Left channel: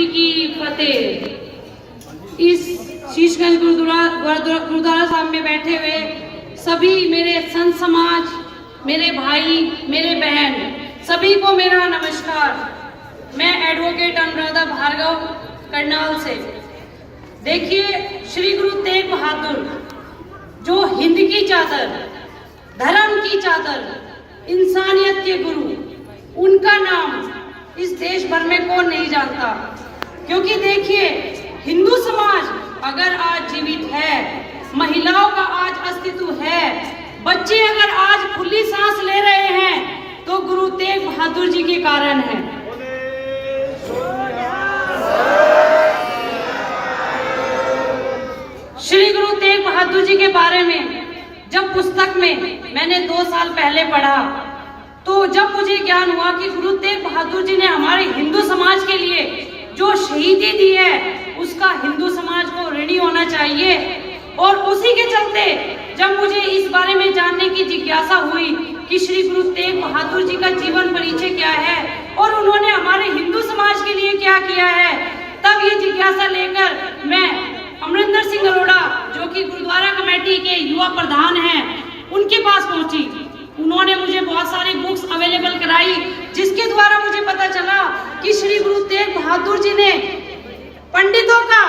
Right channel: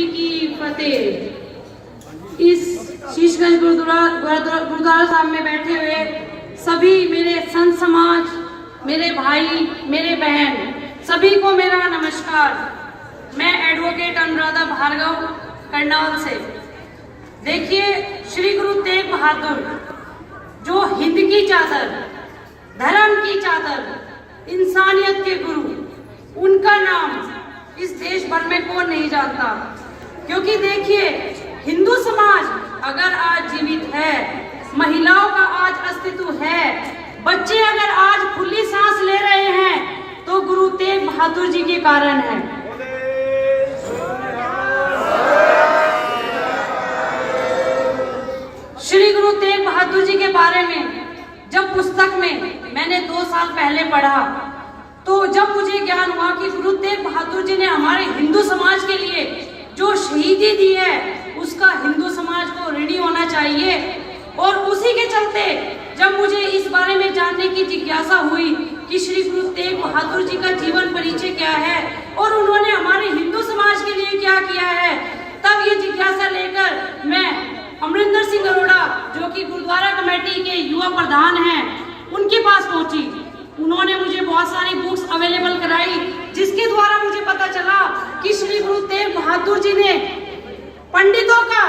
जी की फतेह। इस शीशगंज गुरुद्वारा साहब में बैठे हुए सभी मेरे संत समाज, मेरे भाई, मेरे बहन, सभी को मेरा नमस्कार। मैं एडवोकेट अनुराधा भार्गव करनाल से। देखिए, श्री गुरु तेग बहादुर जो हिंद की चादर, धर्म की चादर, इंसानियत के गुरु, उनका नाम इस देश भर में कौन नहीं जानता। क्योंकि देखिए, हिंदू समाज अगर आज जीवित है, महिलाओं का आज अस्तित्व है, बच्चे अगर आज खुली सांस ले रहे हैं, तो गुरु तेग बहादुर जी के कारण है। श्री गुरु तेग बहादुर जी के बारे में जब पुस्तक में मैंने 2 साल पहले पढ़ा, तो जब मुझे ज्ञान हुआ कि गुरु तेग बहादुर जी ने हमारे हिंदू समाज के लिए जो शहीदी दी है, उसका हिंदू समाज को ऋणी होना चाहिए। और उसी के चलते जब मुझे इस बारे में जानने की जिज्ञासा हुई कि श्री गुरु तेग बहादुर जी का जीवन परिचय क्या है और उन्होंने हमारे हिंदू समाज के लिए क्या किया है, तब ये जिज्ञासा लेकर मैं अमरिंदर सिंह अरोड़ा, जो कि गुरुद्वारा कमेटी के युवा प्रधान हैं, उनके पास पहुंची। उन्होंने मुझे बहुत सारी बुक्स अवेलेबल कराई, जिसके द्वारा मुझे पता चला कि श्री गुरु तेग बहादुर जी ने पंडितों का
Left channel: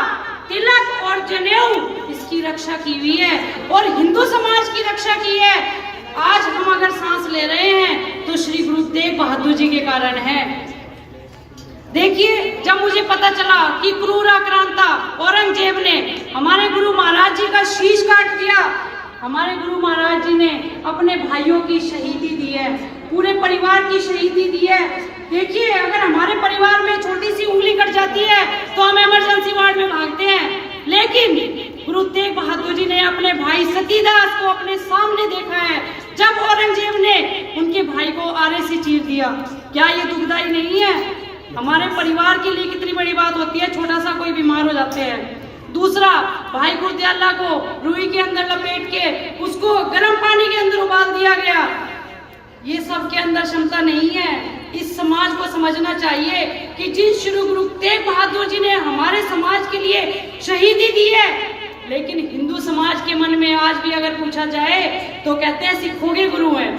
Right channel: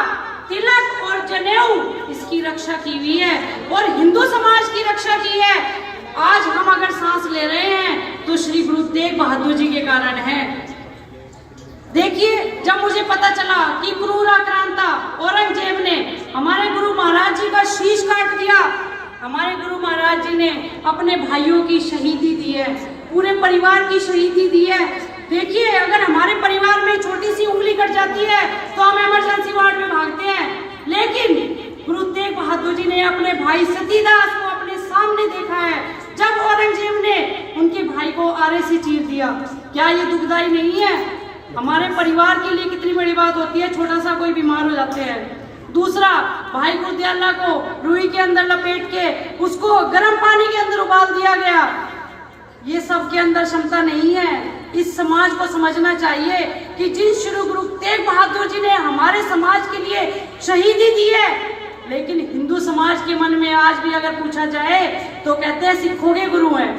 तिलक और जनेऊ इसकी रक्षा की हुई है और हिंदू समाज की रक्षा की है। आज हम अगर सांस ले रहे हैं तो श्री गुरु तेग बहादुर जी के कारण है। देखिए, जब मुझे पता चला कि क्रूर आक्रांता औरंगजेब ने हमारे गुरु महाराज जी का शीश काट दिया, हमारे गुरु महाराज जी ने अपने भाइयों की शहीदी दी है, पूरे परिवार की शहीदी दी है। देखिए, अगर हमारे परिवार में छोटी सी उंगली कट जाती है तो हम इमरजेंसी वार्ड में भागते हैं, लेकिन गुरु तेग बहादुर जी ने अपने भाई सतीदास को अपने सामने देखा है जब औरंगजेब ने उनके भाई को आरे से चीर दिया। क्या ये दुखदाई नहीं है? हमारे परिवार के लिए कितनी बड़ी बात होती है, छोटा सा कोई बीमार हो जाते हैं। दूसरा, भाई गुरदयाला को रुई के अंदर लपेट के उसको गर्म पानी के अंदर उबाल दिया गया। ये सब के अंदर क्षमता नहीं है। इस समाज को समझना चाहिए कि जिन श्री गुरु तेग बहादुर जी ने हमारे समाज के लिए शहीदी दी है, लेकिन हिंदू समाज के मन में आज भी अगर पूछा जाए तो कहते हैं सिखों के गुरु हैं।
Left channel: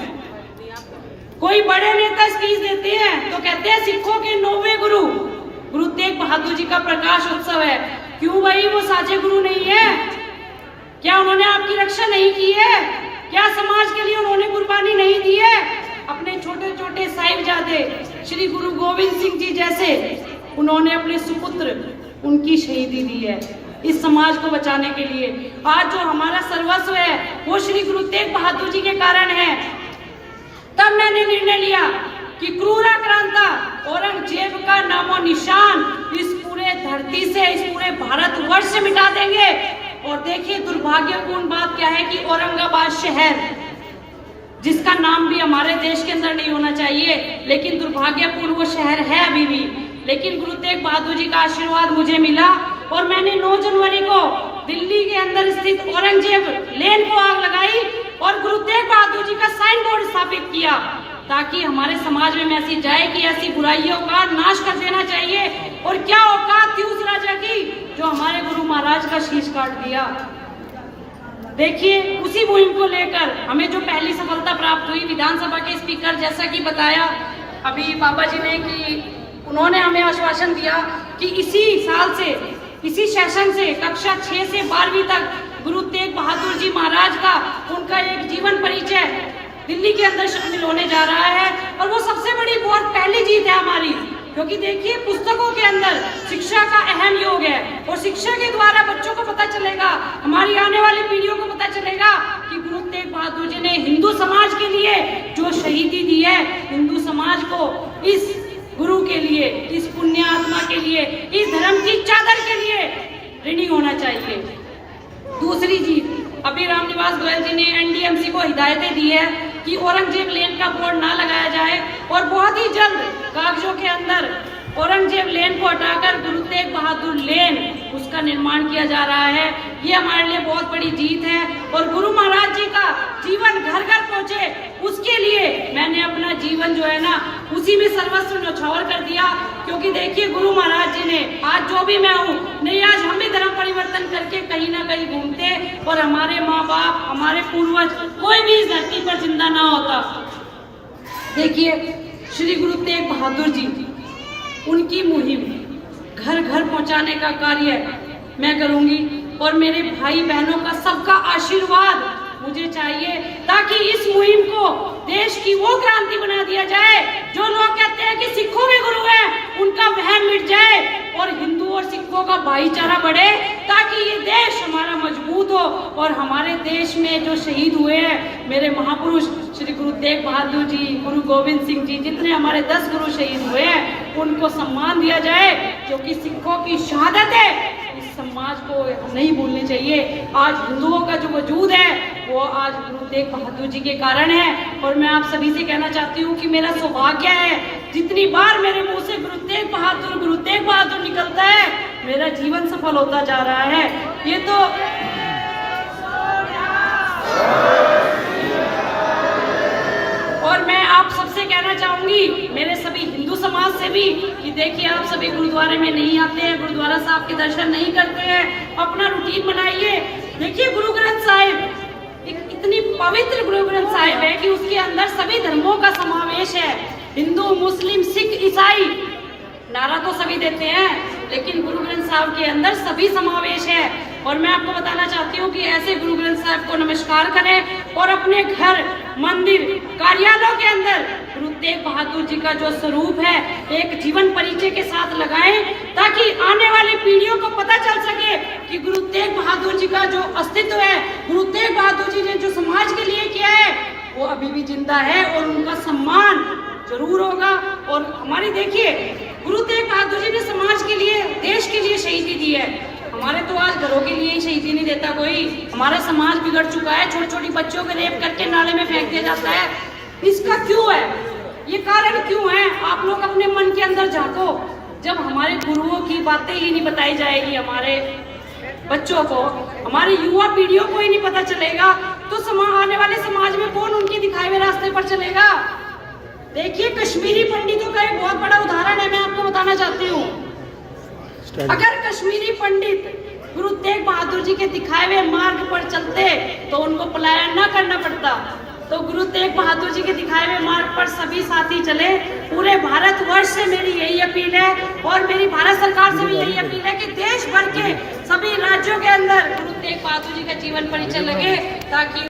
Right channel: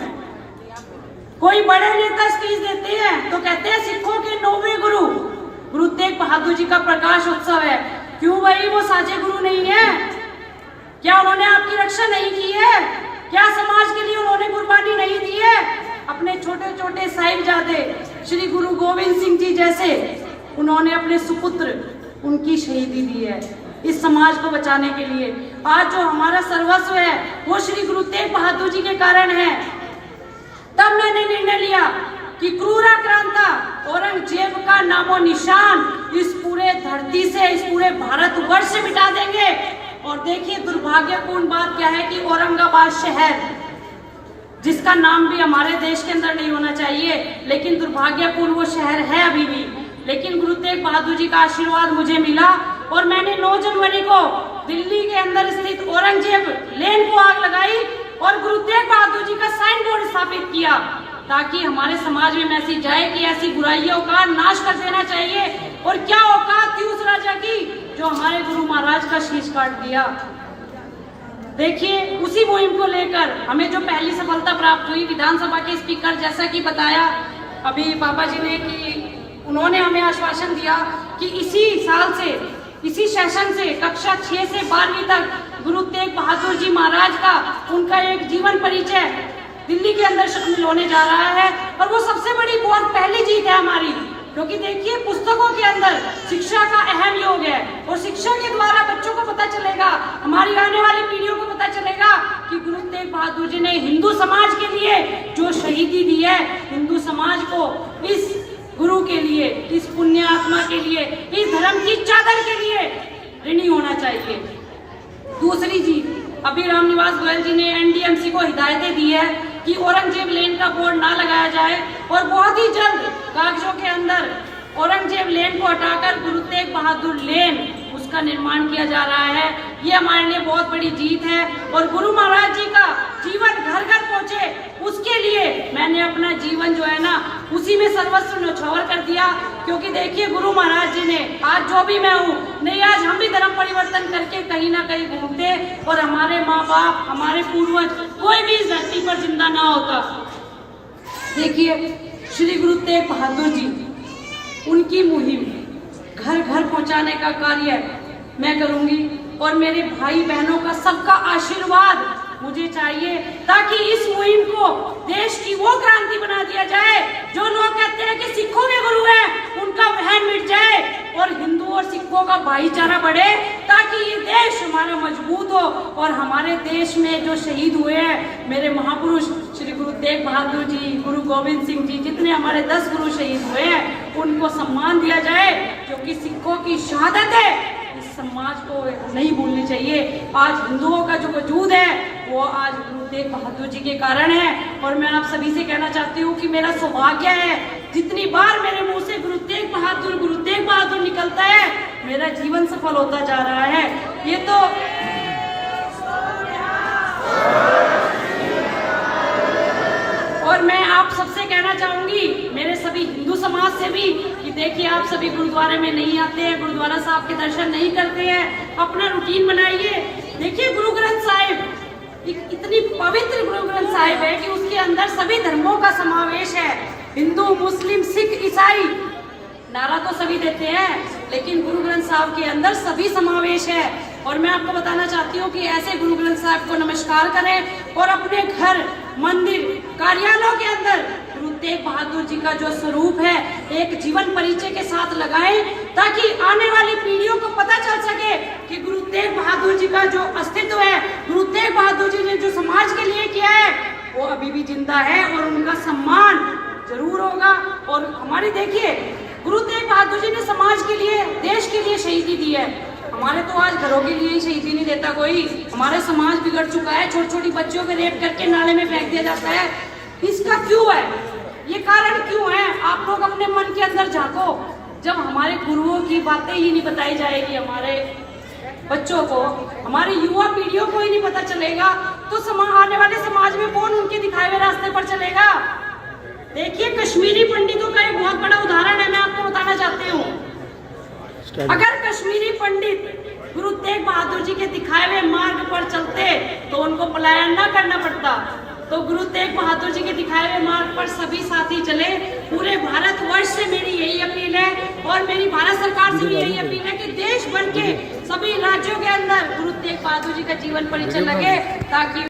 कोई बड़े नेता स्पीच देते हैं तो कहते हैं सिखों के 9वें गुरु। गुरु तेग बहादुर जी का प्रकाश उत्सव है, क्यों भाई वो साझे गुरु नहीं है? क्या उन्होंने आपकी रक्षा नहीं की है? क्या समाज के लिए उन्होंने कुर्बानी नहीं दी है? अपने छोटे छोटे साहिबजादे श्री गुरु गोविंद सिंह जी जैसे उन्होंने अपने सुपुत्र, उनकी शहीदी दी है इस समाज को बचाने के लिए। आज जो हमारा सर्वस्व है वो श्री गुरु तेग बहादुर जी के कारण है। तब मैंने निर्णय लिया कि क्रूर आक्रांता औरंगजेब का नामो निशान इस पूरे धरती से, इस पूरे भारतवर्ष से मिटा देंगे। और देखिए, दुर्भाग्यपूर्ण बात क्या है कि औरंगाबाद शहर, जिसका नाम भी हमारे देश के अंदर नहीं होना चाहिए, लेकिन दुर्भाग्यपूर्ण वो शहर है अभी भी। लेकिन गुरु तेग बहादुर जी का आशीर्वाद मुझे मिला और मैंने 9 जनवरी को दिल्ली के अंदर स्थित औरंगजेब लेन को आग लगाई और गुरु तेग बहादुर जी का साइन बोर्ड स्थापित किया, ताकि हमारे समाज में मैसेज जाए कि ऐसी बुराइयों का नाश कर देना चाहिए। और क्या औकात थी उस राजा की जो हमारे गुरु महाराज का शीश काट दिया। देखिए, उसी मुहिम को लेकर हमें जो पहली सफलता प्राप्त हुई, विधानसभा के स्पीकर जैसा कि बताया अभी पापा जी ने कि उन्होंने हमें आश्वासन दिया कि इसी साल से, इसी सेशन से कक्षा 6 से 12वीं तक गुरु तेग बहादुर जी महाराज का उनका एक जीवन परिचय दिल्ली के अंदर शामिल होने जा रहा है। और वो सबसे बड़ी बहुत पहली जीत है हमारी, क्योंकि देखिए, पुस्तकों के अंदर शिक्षा का अहम योग है और शिक्षा के द्वारा बच्चों को पता चलेगा, हमारी आने वाली पीढ़ियों को पता चलेगा कि गुरु तेग बहादुर जी ने हिंदू समाज के लिए जो शहीदी दी है, हिंदू समाज को इस गुरु के लिए, इस पुण्य आत्मा के लिए, इस धर्म की चादर के लिए ऋणी होना चाहिए। दूसरी जीत, अभी रामनिवास गोयल जी ने एनडीएमसी को हिदायतें दी है कि औरंगजेब लेन का बोर्ड ना लगाया जाए और बहुत ही जल्द कागजों के अंदर औरंगजेब लेन को हटाकर गुरु तेग बहादुर लेन उसका निर्माण किया जा रहा है। ये हमारे लिए बहुत बड़ी जीत है और गुरु महाराज जी का जीवन घर घर पहुंचे, उसके लिए मैंने अपना जीवन जो है ना उसी में सर्वस्व न्यौछावर कर दिया। क्योंकि देखिए, गुरु महाराज जी ने कहीं ना कहीं घूमते और हमारे माँ बाप, हमारे पूर्वज कोई भी इस धरती पर जिंदा ना होता। देखिए, श्री गुरु तेग बहादुर जी, उनकी मुहिम घर घर पहुंचाने का कार्य मैं करूंगी और मेरे भाई बहनों का सबका आशीर्वाद मुझे चाहिए, ताकि इस मुहिम को देश की वो क्रांति बना दिया जाए जो लोग कहते हैं कि सिखों के गुरु हैं, उनका वहम मिट जाए और हिंदू और सिखों का भाईचारा बढ़े, ताकि ये देश हमारा मजबूत हो और हमारे देश में जो शहीद हुए हैं मेरे महापुरुष श्री गुरु तेग बहादुर जी, गुरु गोविंद सिंह जी, जितने हमारे 10 गुरु शहीद हुए हैं उनको सम्मान दिया जाए, क्योंकि सिखों की शहादत है इस समाज को नहीं भूलनी चाहिए। आज हिंदुओं का जो वजूद है वो आज गुरु तेग बहादुर जी के कारण है। और मैं आप सभी से कहना चाहती हूँ कि मेरा सौभाग्य है, जितनी बार मेरे मुंह से गुरु तेग बहादुर निकलता है मेरा जीवन सफल होता जा रहा है। ये तो और मैं आप सबसे कहना चाहूंगी, मेरे सभी हिंदू समाज से भी, कि देखिए आप सभी गुरुद्वारे में नहीं आते हैं, गुरुद्वारा साहब के दर्शन नहीं करते हैं, अपना रूटीन बनाइए। देखिए, गुरु ग्रंथ साहिब इतनी पवित्र गुरु ग्रंथ साहिब है कि उसके अंदर सभी धर्मों का समावेश है, हिंदू, मुस्लिम, सिख, ईसाई। नारा तो सभी देते हैं, लेकिन गुरु ग्रंथ साहिब के अंदर सभी समावेश है। और मैं आपको बताना चाहती हूँ कि ऐसे गुरु ग्रंथ साहिब को नमस्कार करें और अपने घर, मंदिर, कार्यालयों के अंदर गुरु तेग बहादुर जी का जो स्वरूप है एक जीवन परिचय के साथ लगाएं, ताकि आने वाली पीढ़ियों को पता चल सके कि गुरु तेग बहादुर जी का जो अस्तित्व है, गुरु तेग बहादुर जी ने जो समाज के लिए किया है वो अभी भी जिंदा है और उनका सम्मान जरूर होगा। और हमारी देखिए, गुरु तेग बहादुर जी ने समाज के लिए, देश के लिए शहीदी दी है। हमारे तो आज घरों के लिए ही शहीदी नहीं देता कोई। हमारा समाज बिगड़ चुका है, छोटी छोटी बच्चों को रेप करके नाले में फेंक दिया जाता है। इसका क्यों है? ये कारण क्यों है? आप लोग अपने मन के अंदर झांको। जब हमारे गुरुओं की बातें ही नहीं बताई जाएगी हमारे बच्चों को, हमारी युवा पीढ़ियों को ही नहीं पता चलेगा, तो आने वाले समाज में कौन उनके दिखाए हुए रास्ते पर चलेगा? देखिए, कश्मीरी पंडितों का एक बहुत बड़ा उदाहरण है, मैं आपको बताना चाहती हूँ। अगर कश्मीरी पंडित गुरु तेग बहादुर जी के दिखाए हुए मार्ग पर चलते तो उनको पलायन न करना पड़ता। तो गुरु तेग बहादुर जी के दिखाए हुए मार्ग पर सभी साथी चले। पूरे भारतवर्ष से मेरी यही अपील है और मेरी भारत सरकार से भी यही अपील है कि देश भर के सभी राज्यों के अंदर गुरु तेग बहादुर जी का जीवन परिचय लगे, ताकि